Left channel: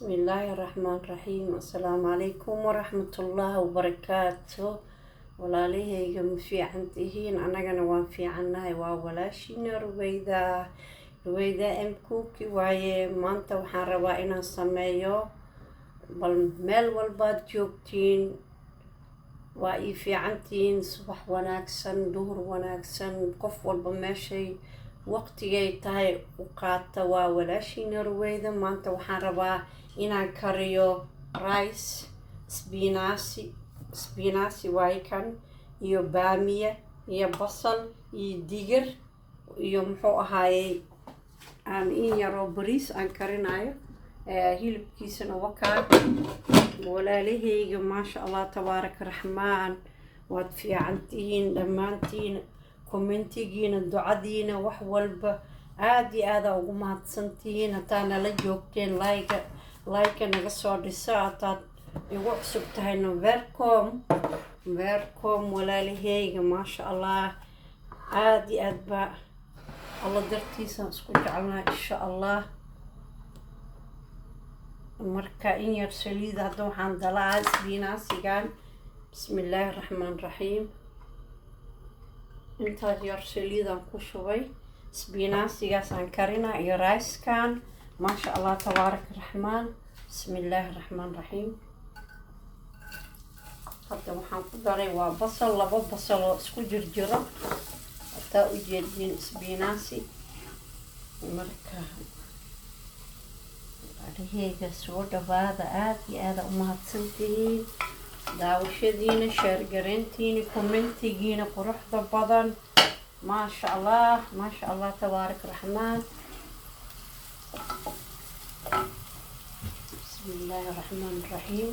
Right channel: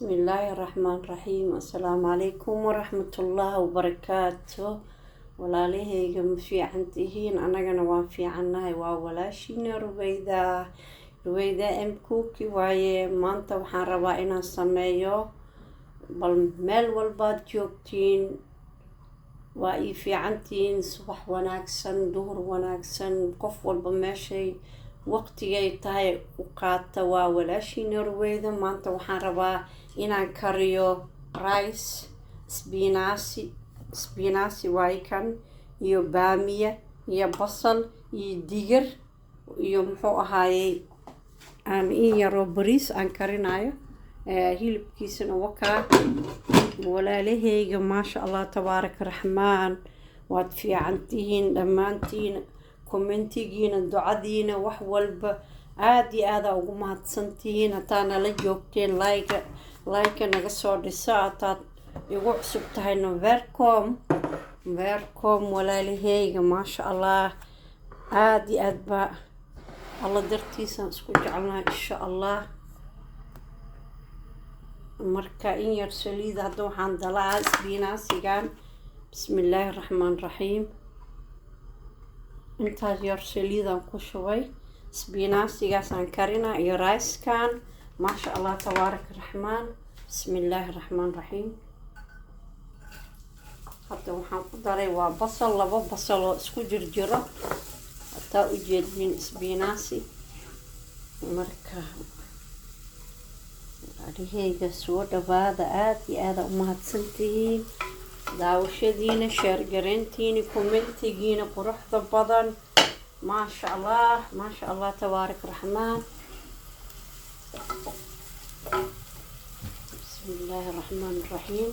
بسم الله الرحمن الرحيم. السلام عليكم ورحمة الله وبركاته. walaalahayga ma fiican tihiin? anagana waan fiicannahay. waa walaashina ruweyda mkuki waaye. maanta waxaan rabaa inaan sameeyo bal meel walbaad joogtiin waa ii fiicantihiin. subax wanaagsan, duhur wanaagsan, qof walba meeshay waqtigay tahay u qaata. waa walaashina ruweyda. maanta waxaan rabaa inaan kariyo rice, spinaasi waaye kan, iyo baamiya iyo basal iyo digir iyo muxuu ahaayey in yaroo bariis aan karinayo. hilibkiisana wakaa. walaalahayga maasha allah tabaaraka raxmaan, waad fiicantihiin dhammaantiin. commentigiina, ducadiina, wax walba aada iyo aada ugu mahadsantihiin. hataa nala joogteen like naga soo dhisa. hataad igu cusub tahayna welcome walaalahayga. maasha allah aada iyo aad baa alla dartiisaan isku jecelnahay insha allah. marka in yar saliida hadda waxaan dalacaa isbinaasigan. bismi illaahi raxmaan raxiim. intaas yar saliidaan ku shubay. isbinaasigaasaan karina iyo ricekan. maasha allah tabaaraka raxmaan. bismi illaahi raxmaan raxiim. hadda waxaan ku daray waa basal, 2 basal oo isku jirjiro. hataa u jeedin isbinaasi. marka adhigayga soo dhawaada. aada iyo aada u mahadsantihiin daawashadiina, sheergareyntiina, commentigiina quruxda badan. maasha allah tabaaraka raxmaan. bismi illaahi raxmaan raxiim.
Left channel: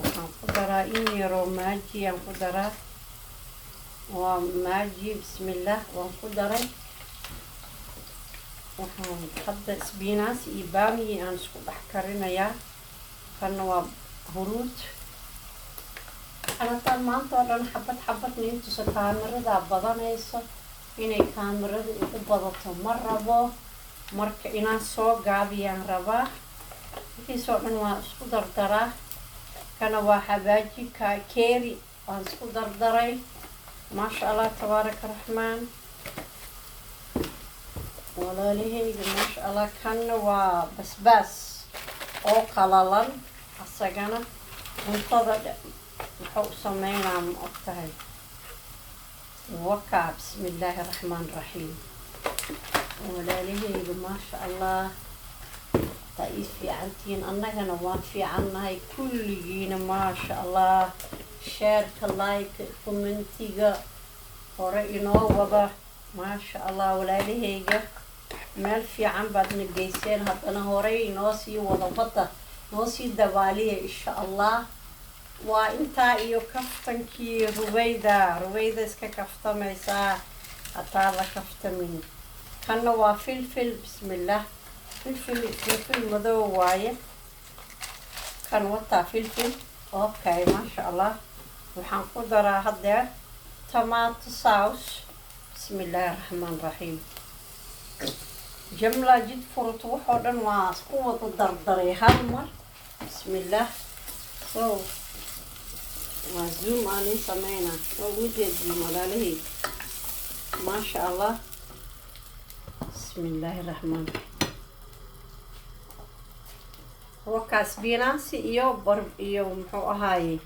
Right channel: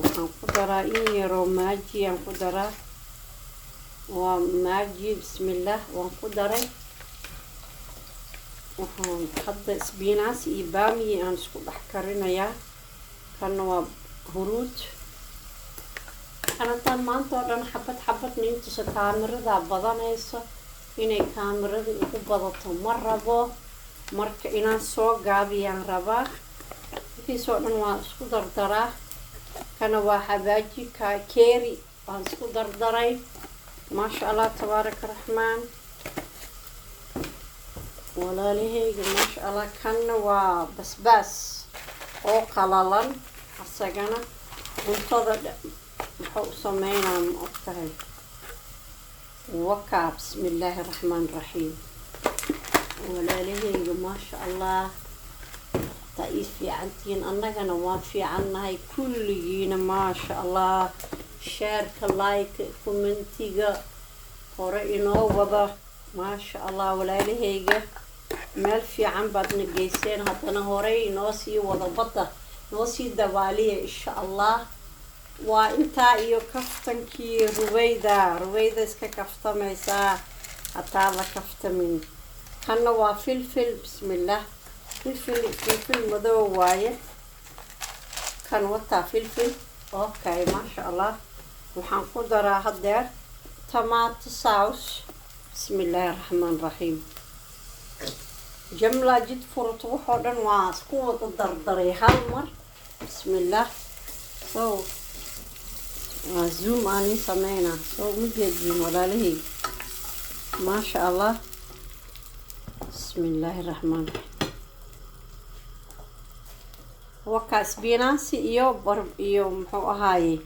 waxaan ku daraa in yaroo maaji aan ku daraa. waa maaji. bismillaah waan ku daray. waxaan hadda isbinaas iyo baamiyi aan isku dhex karinayaa. kana waa huruud. xanataan maanta oo dhan xabad niintusa kaamiradaa badanayso. inay kaamirada igu badato ma rabo. marka inaan soo gaabiyaan rabaa. intiisoo dhan waan isku dardaraa. kana waa xabaaji keeri waan isku dardaray. maasha allah tabaaraka raxmaan. walaalahayga maasha allah. kanna waa basbaas oo qalalan. asagana cuntada muxuu u sameynaa ma ogtahay. wakaa. bismi illaahi raxmaan raxiim. walaalahayga maasha allah taa ii fiicantihiin. annagana waan fiicannahay kulligiina maasha allah. sheerka, like, commentiga hore inoo wada. maasha allah walaalahayga meel fiican baadna geyseen. haddana horey inoo sii wada badda noo sii dabaaliya insha allah. waa intaa iyo kaftankii ruweyda iska kaftamaysaa hataa la kaftamin. kanna waa filfil. bismillaah. filfil madow waaye kan. wataa filfil. okay maasha allah. waxaan ku daraa haddeer tomato sauce. bismi illaahi raxmaan raxiim. jamla jid furto waxoo dhan waa isku wada dardaray hal mar. bismillaah. so waa zoom aanin sameynaa. so mijeediin walaalihii maasha allah. bismi illaahi raxmaan. wakaa isbinaasi iyo muxuu ahaaye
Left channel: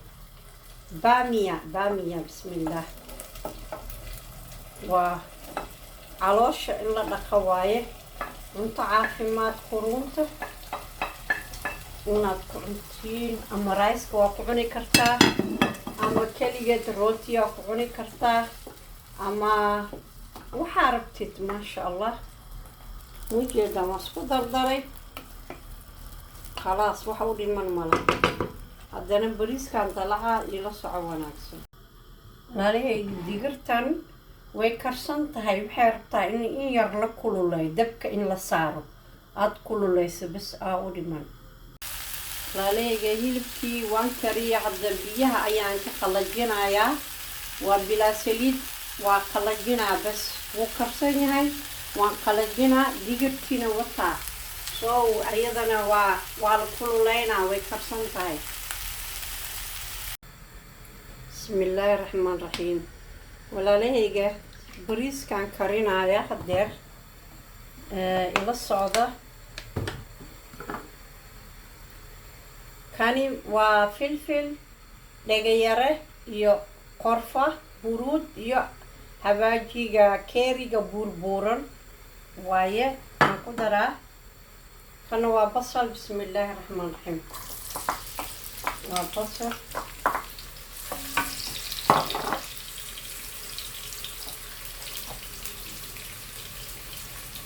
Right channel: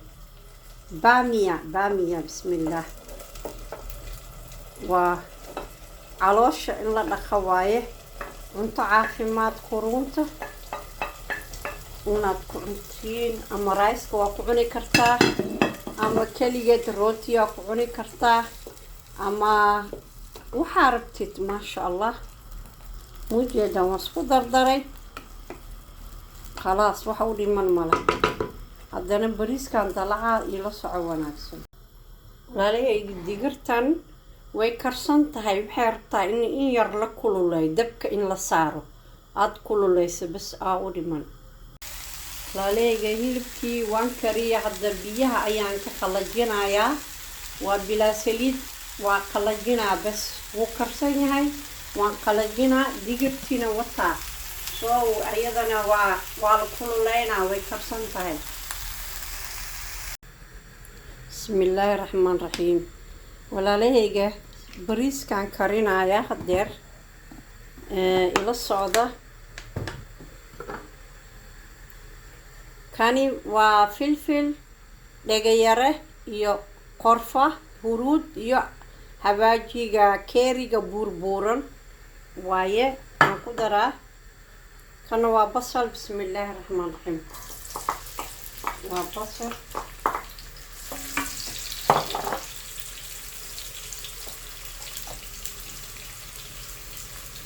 baamiya. bismillaah. waa caloosha in la dhaqa waaye. cunto caafimaad kurunta inaad ku cuntiin. ama rayska waa ku cuni kartaa, ama keligeed rootiyaa ku cuni kartaa, ama waxaa rabtid. maasha allah. mujeedan waa isku dardaray. khalaas waxa u dhiman male. haddana bariiskan dalacaa ila soco wanaagsan. walaalahayga digirtan way karsan tahay. waxay rabtaa in yar la kululay. dabka in la saaro aada kululayso bas aa u dhiman. walaalahayga hilibkii waan kariya. hadda biyaha ayaan ka qalajinayaa. waa bilaa saliid. waa qalajinaa bas. wuu karsan yahay waan qalajinaa. digirtiina wataa so ayadana waa la kululeynaa way karsan tahay. Bismillaahi raxmaan raxiim. Walaalahayga bariiskaan karinaya hadeer ila socda. Kani waa filfil dhegayare iyo qorfa huruud iyo habaajiga keeriga buurbuuran waaye aan ku daraa. kana waa basal. Bismillaahi raxmaan raxiim. waa basal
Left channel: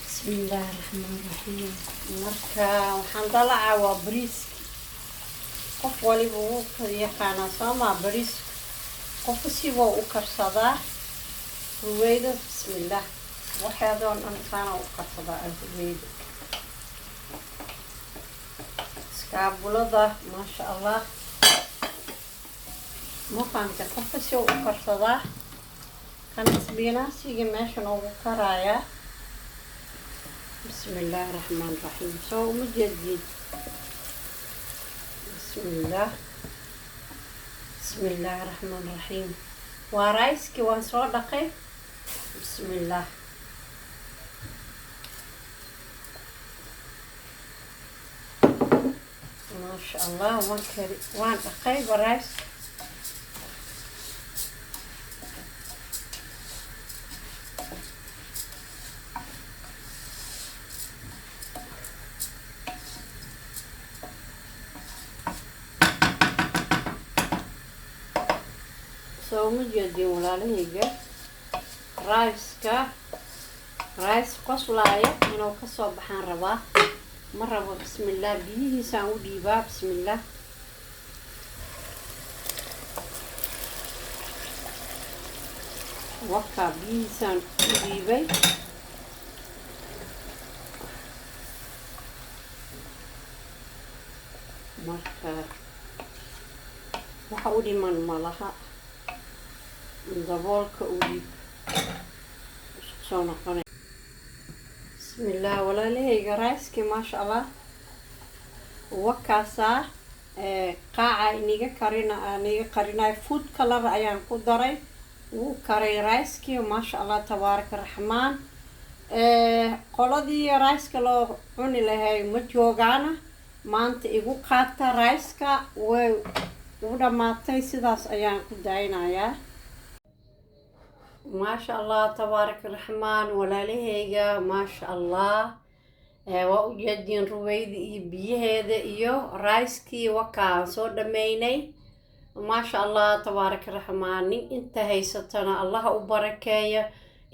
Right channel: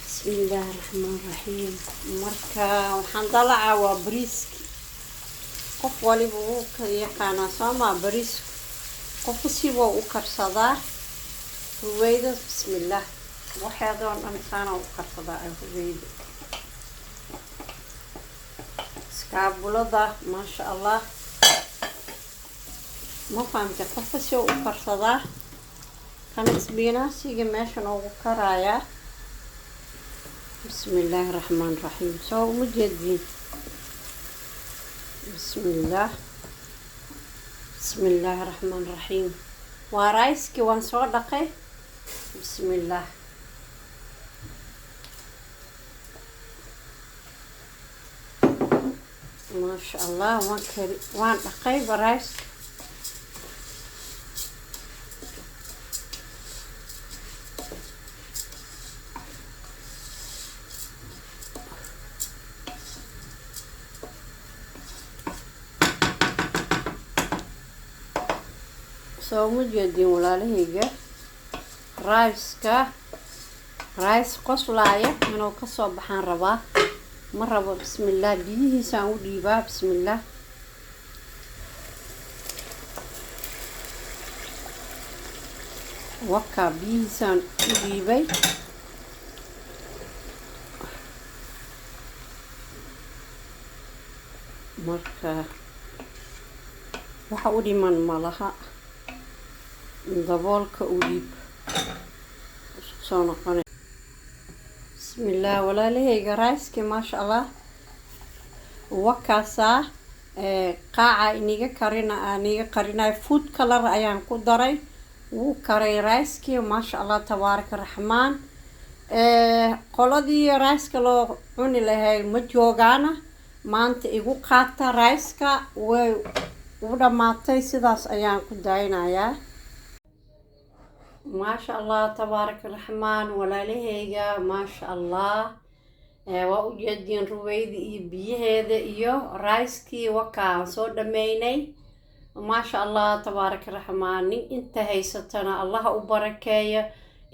Bismillaahi raxmaan raxiim. marka waxaan dalacaa waa bariiski. qof waliba wuu ka yaqaanaa sooma bariis qofka siba u karsadaa ruwayda. Bismillaah waxaadoo dhan saana u karsadaa ruwayda. iskaabulada maasha allah ma fahamta qofka si u karsadaa. kan isbiinaasiga meesha noogu karayaa. Bismillaahi raxmaan raxiim. soo uma jeedin. Bismillah. Bismillaahi raxmaan raxiim. waa rayski waan soo dhaqay. Bismillah. maasha allah waan dhaqay barays. soo ma jeedin walaalahayga rays qoslaaya inuu kasoo baxaan rabaa ma rabo. Bismillah biyihiisaan u dhiibaa. Bismillah. wakaa biyihiisaan u dhiibay. marka waxa u dhiman malaha daboolka u dhiib soo noqonay. Bismillah walaalahayga rayski maasha allah wakaasaa qaaca iniga qarinayo food color ayaan ku daray. wuu karay rayski maasha allah tabaaraka raxmaan. qoladii rayska loo cuni lahay ma joogaana maanta igu qaata rayska way u dhamaatay. sidaas ayaan ku daynayaa. maasha allah tabaaraka raxmaan walaalahayga maasha allah. waa u jeediin ruwayda iyo biyaheeda iyo rayskii wakaan soo dhameynay. maasha allah tabaaraka raxmaan. nin inta haysatana allaha u barakeeya.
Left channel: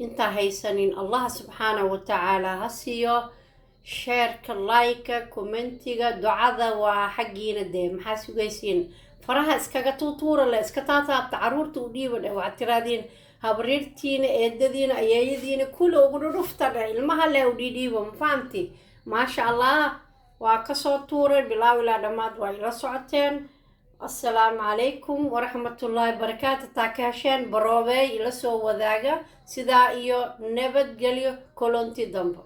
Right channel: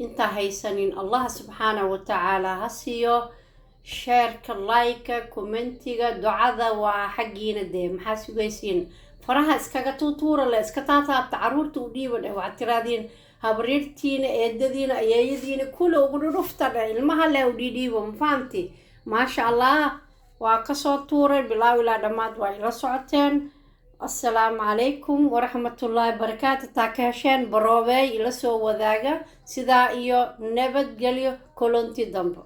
inta haysanin allaha subxaanahu watacaala ha siiyo. sheerka like commentiga ducada waa xaggiina dee maxaa sugaysiin. faraha iskaga tuutuura le iska taataabta caruurta u dhiiba dheh. waxaad tiraadiin habriirtiina eedadiina ayeeyadiina kula ugu dhudhufta dheh. ilmaha le u dhiidhiibo ma fahamti. maasha allah waa kasoo tuuray bilaaw ilaa dhammaad waa ila socoteen. assalaamu calaykum waraxmatullaahi barakaatu. taa ka hesheen baroobeey ila soo wadaaga. sidaa iyo nabadgelyo kulanti dambe.